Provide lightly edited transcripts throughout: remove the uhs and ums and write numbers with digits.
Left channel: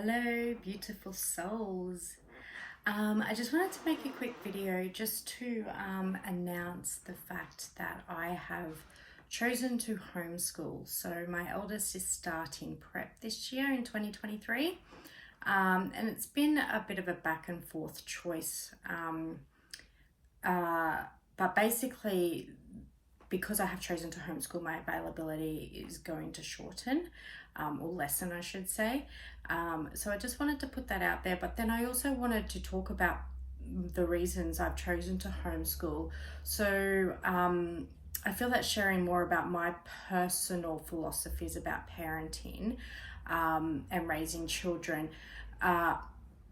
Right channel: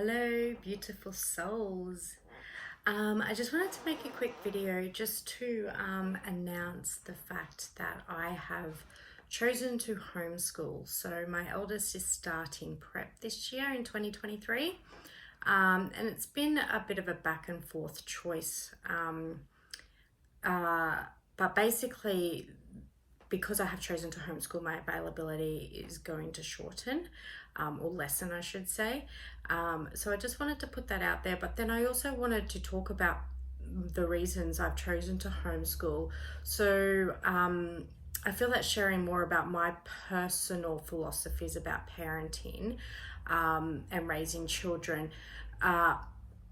Hello, beautiful souls. I just wanted to make a quick video just to announce the fact that I have chosen to homeschool. So my eldest is starting prep this year in 2023, and it's been a bit of a back and forth choice. But basically, because I have chosen to homeschool, my availability is going to shorten, or lessen, I should say. So I just wanted to put that out there. But then I also wanted to talk about the reasons I've chosen to homeschool. So I feel that sharing more about my personal philosophies about parenting and raising children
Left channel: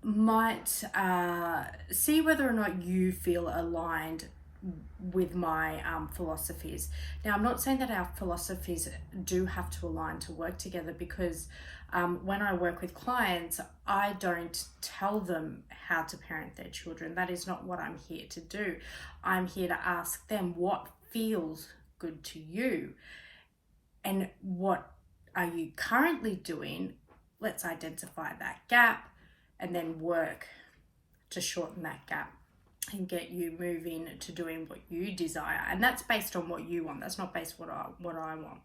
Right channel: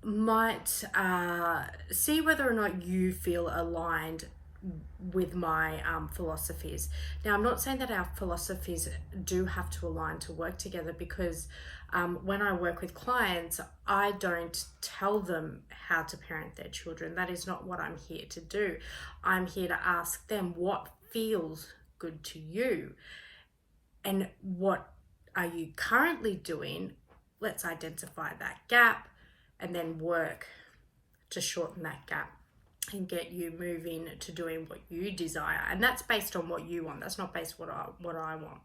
might see whether or not you feel aligned with my philosophies. Now, I'm not saying that our philosophies do have to align to work together, because when I work with clients, I don't tell them how to parent their children. That is not what I'm here to do. I'm here to ask them what feels good to you and what are you currently doing. Let's identify that gap and then work to shorten that gap and get you moving to doing what you desire. And that's based on what you want. That's not based on what I want.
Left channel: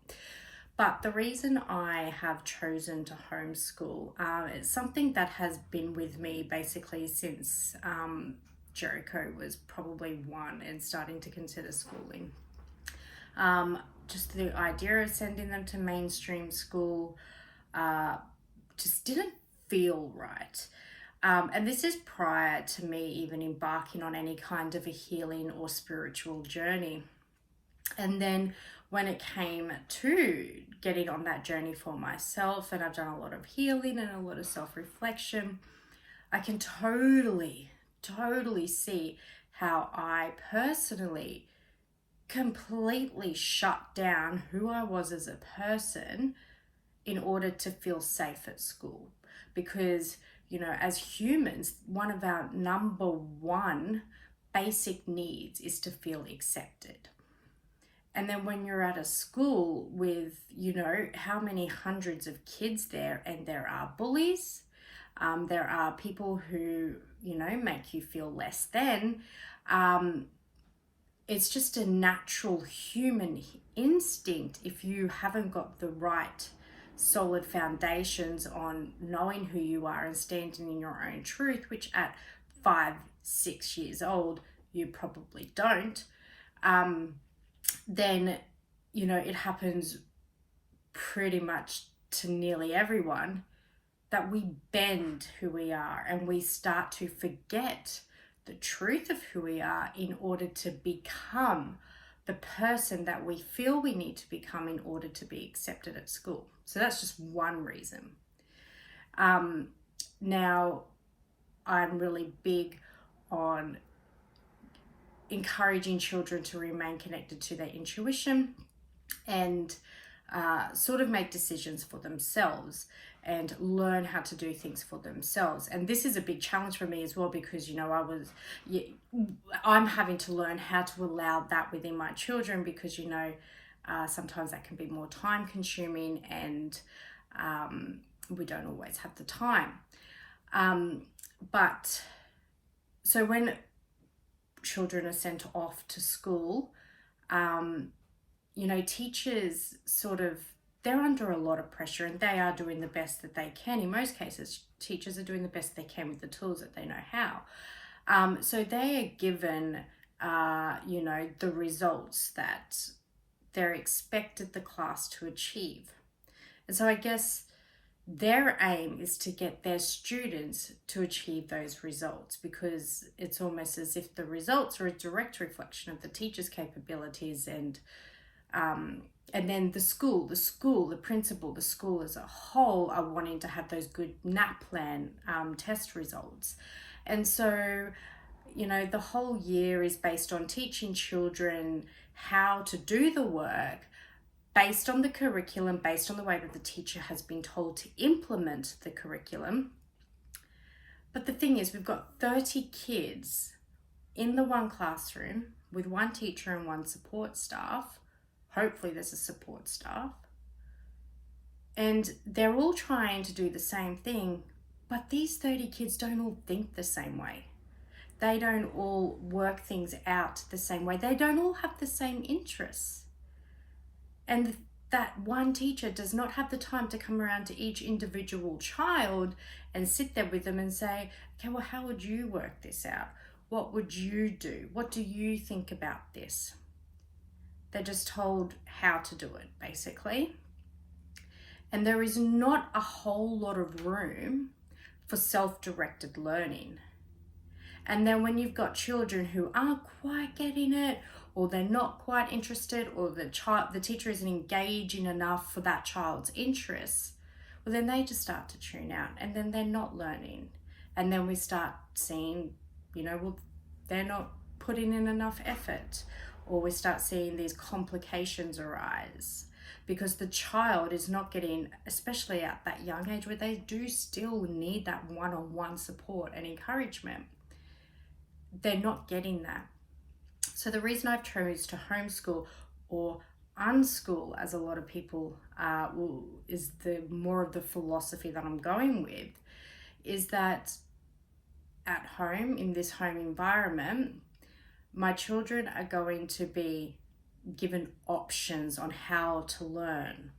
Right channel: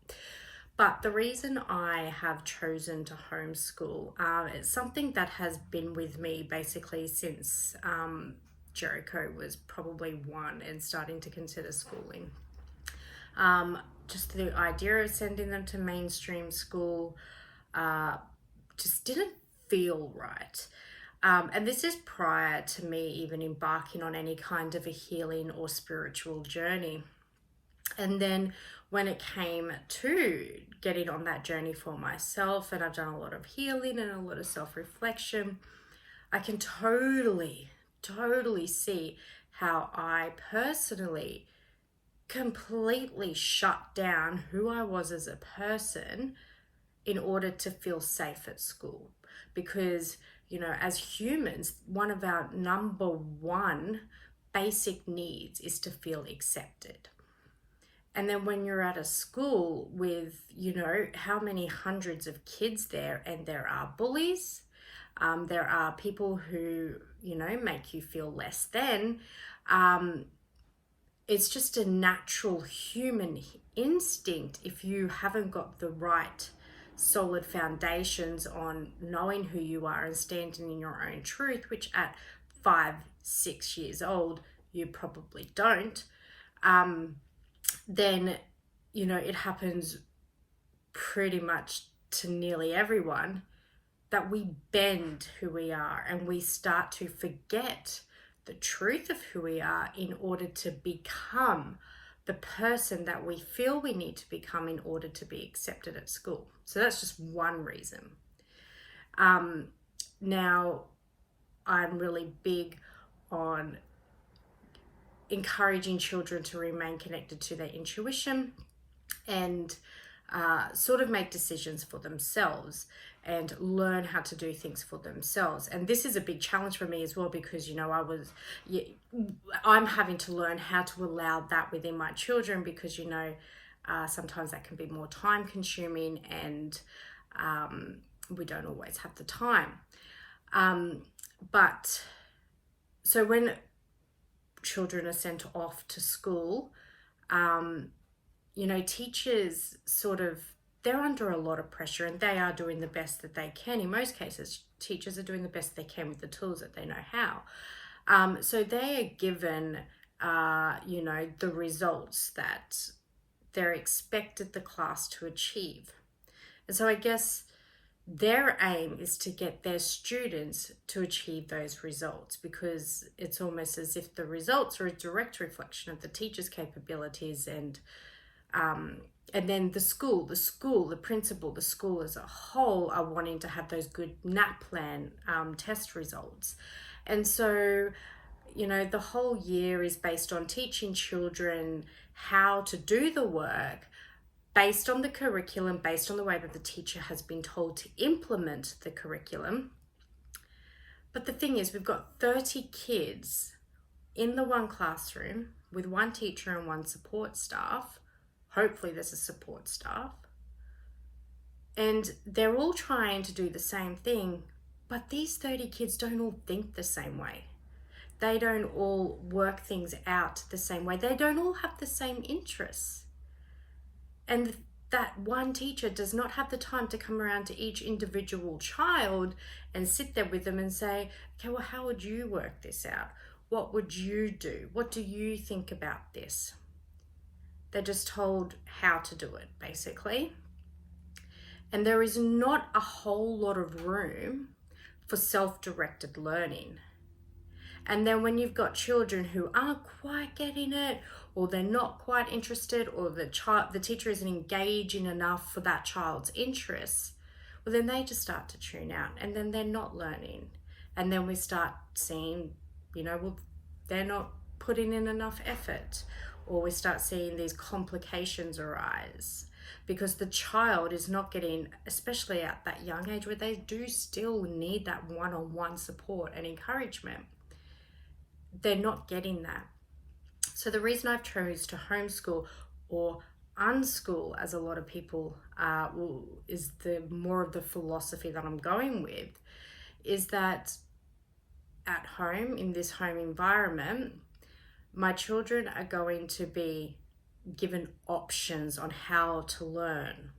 But the reason I have chosen to homeschool is something that has been with me basically since Jericho was probably 1 and starting to consider schooling. Just the idea of sending them to mainstream school just didn't feel right. And this is prior to me even embarking on any kind of a healing or spiritual journey. And then when it came to getting on that journey for myself, and I've done a lot of healing and a lot of self-reflection, I can totally see how I personally completely shut down who I was as a person in order to feel safe at school. Because, you know, as humans, one of our number one basic needs is to feel accepted. And then when you're at a school with, you know, how many hundreds of kids there, and there are bullies, there are people who, you know, make you feel less than, it's just a natural human instinct, if you haven't got the right solid foundations on knowing who you are and standing in your own truth, which at 5-6 years old you probably don't, then, you know, it happens pretty much to nearly everyone, that we bend who we are and we start to forget the truth of who we are in order to become the person that we feel we need to become in order to be accepted at school. So that's just one reason. Now, I'm really big on encouraging children to remain connected to their intuition and sort of make decisions for themselves and learn how to do things for themselves. And this is a big challenge for me as well, because, you know, I'm having to learn how to allow that within my children, because, you know, sometimes that can be more time consuming, and we don't always have the time. But so when children are sent off to school, you know, teachers they're under a lot of pressure, and they are doing the best that they can. In most cases, teachers are doing the best they can with the tools that they know how. So they are given, you know, the results that they're expected the class to achieve. And so I guess their aim is to get their students to achieve those results, because it's almost as if the results are a direct reflection of the teacher's capabilities, and then the principal, the school as a whole are wanting to have those good NAP plan test results. And so, you know, the whole year is based on teaching children how to do the work based on the curriculum, based on the way that the teacher has been told to implement the curriculum. But the thing is, we've got 30 kids in the one classroom with one teacher and one support staff. Hopefully there's a support staff. And they're all trying to do the same thing, But these 30 kids don't all think the same way. They don't all work things out the same way. They don't all have the same interests. And that one teacher does not have the time to come around to each individual child and sit there with them and say, okay, well, how would you work this out? What would you do? What do you think about this? They're just told how to do it, basically. And there is not a whole lot of room for self-directed learning. And then when you've got children who aren't quite getting it, or they're not quite interested, or the teacher isn't engaging enough for that child's interests, well, then they just start to tune out, and then they're not learning. And then we start seeing, well, they're not putting in enough effort, or we start seeing these complications arise because the child is not getting, especially at that young age where they do still need that one-on-one support and encouragement. They're not getting that. So the reason I've chose to homeschool or unschool, as a lot of people is the more of the philosophy that I'm going with, is that at home, in this home environment, my children are going to be given options on how to learn.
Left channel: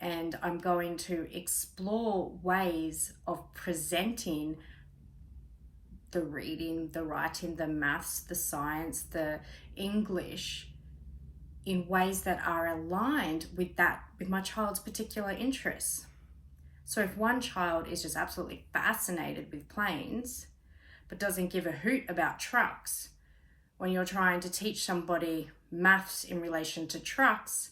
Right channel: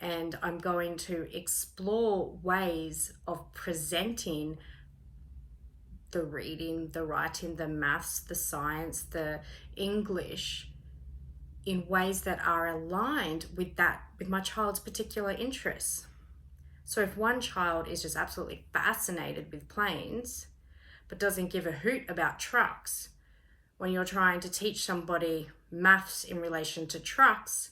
And I'm going to explore ways of presenting the reading, the writing, the maths, the science, the English in ways that are aligned with my child's particular interests. So if one child is just absolutely fascinated with planes, but doesn't give a hoot about trucks, when you're trying to teach somebody maths in relation to trucks,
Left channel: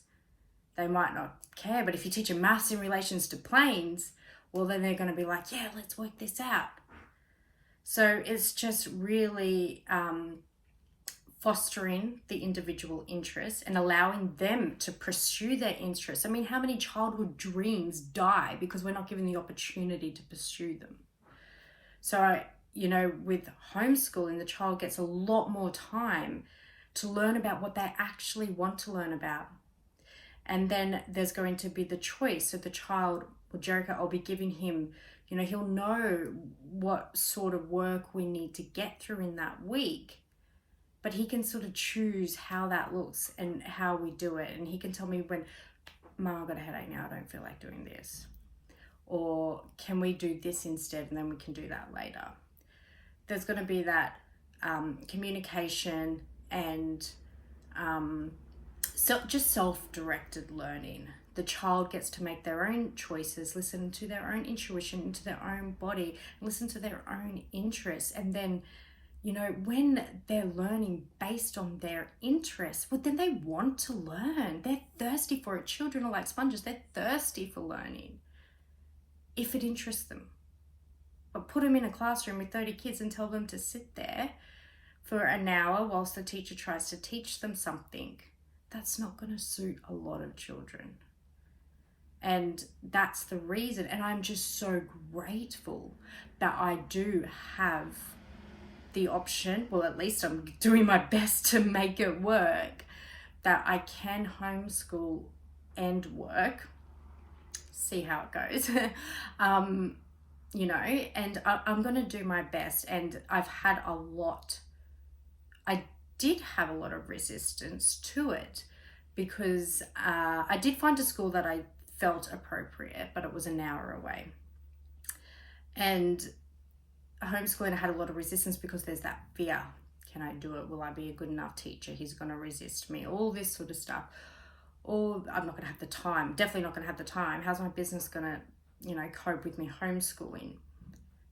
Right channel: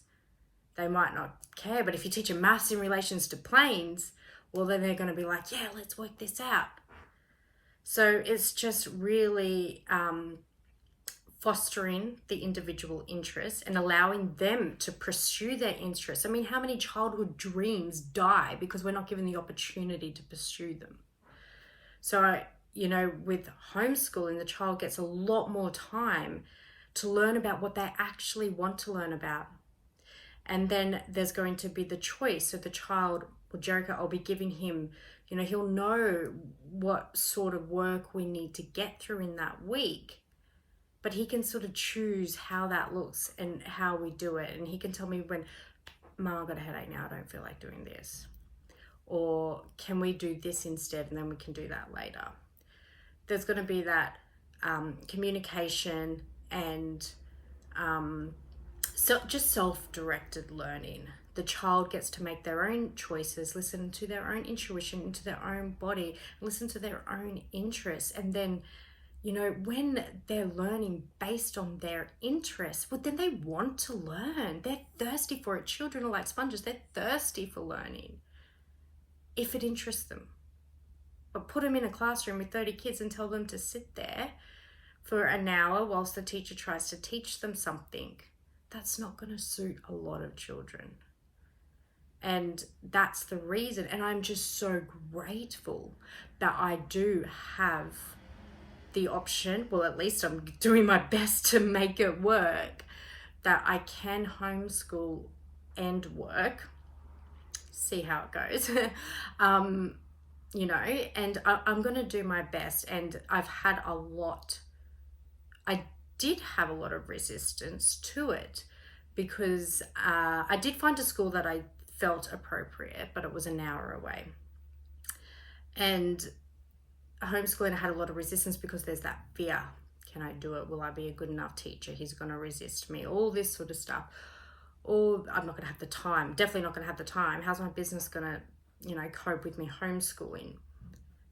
they might not care. But if you teach them maths in relations to planes, well, then they're going to be like, yeah, let's work this out. So it's just really fostering the individual interests and allowing them to pursue their interests. I mean, how many childhood dreams die because we're not given the opportunity to pursue them? So, with homeschooling, the child gets a lot more time to learn about what they actually want to learn about. And then there's going to be the choice. So the child, or Jericho, I'll be giving him, he'll know what sort of work we need to get through in that week. But he can sort of choose how that looks and how we do it. And he can tell me when, Mum, I've got a headache now, I don't feel like doing this. Or can we do this instead, and then we can do that later. There's going to be that communication and so just self-directed learning. The child gets to make their own choices, listen to their own intuition, into their own body, listen to their own interests. And then, when they're learning based on their interests, well, then they want to learn. They're thirsty for it. Children are like sponges. They're thirsty for learning if it interests them. But put them in a classroom with 30 kids and tell them to sit there for an hour whilst the teacher tries to teach them something. That's not going to suit a lot of children. And that's the reason. And I'm just so grateful that I do have the option, well, at least I'm doing my best to make it work, that I can homeschool and work. See how it goes. And I'm going to do my best. And I did have a lot of resistance to it because I did find a school that I felt appropriate, but it was an hour away. And homeschooling, I had a lot of resistance because there's that fear. Can I do it? Will I be a good enough teacher? He's going to resist me. All this sort of stuff. Or I'm not going to have the time. Definitely not going to have the time. How's my business going to, cope with me homeschooling?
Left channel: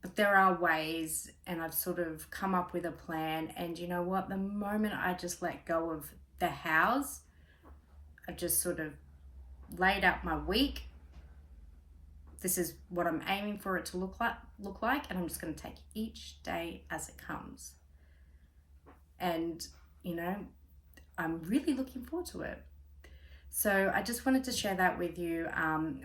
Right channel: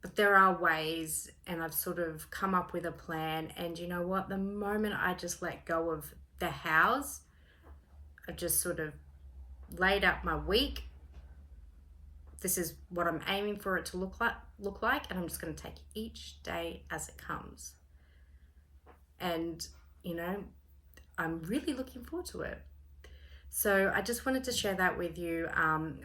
But there are ways, and I've sort of come up with a plan. And you know what? The moment I just let go of the hows, I've just sort of laid out my week. This is what I'm aiming for it to look like, and I'm just going to take each day as it comes. And, I'm really looking forward to it. So I just wanted to share that with you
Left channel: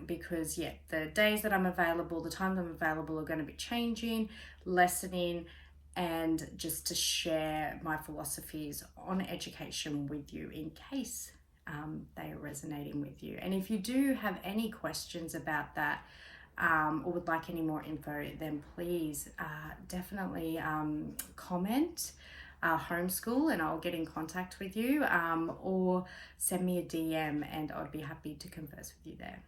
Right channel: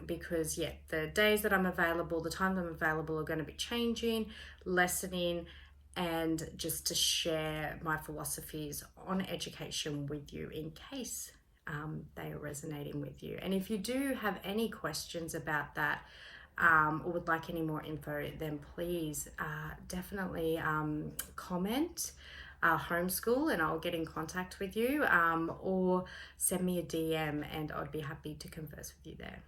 because, the days that I'm available, the times I'm available are going to be changing, lessening, and just to share my philosophies on education with you in case they are resonating with you. And if you do have any questions about that, or would like any more info, then please definitely comment homeschool, and I'll get in contact with you, or send me a DM and I'd be happy to converse with you there.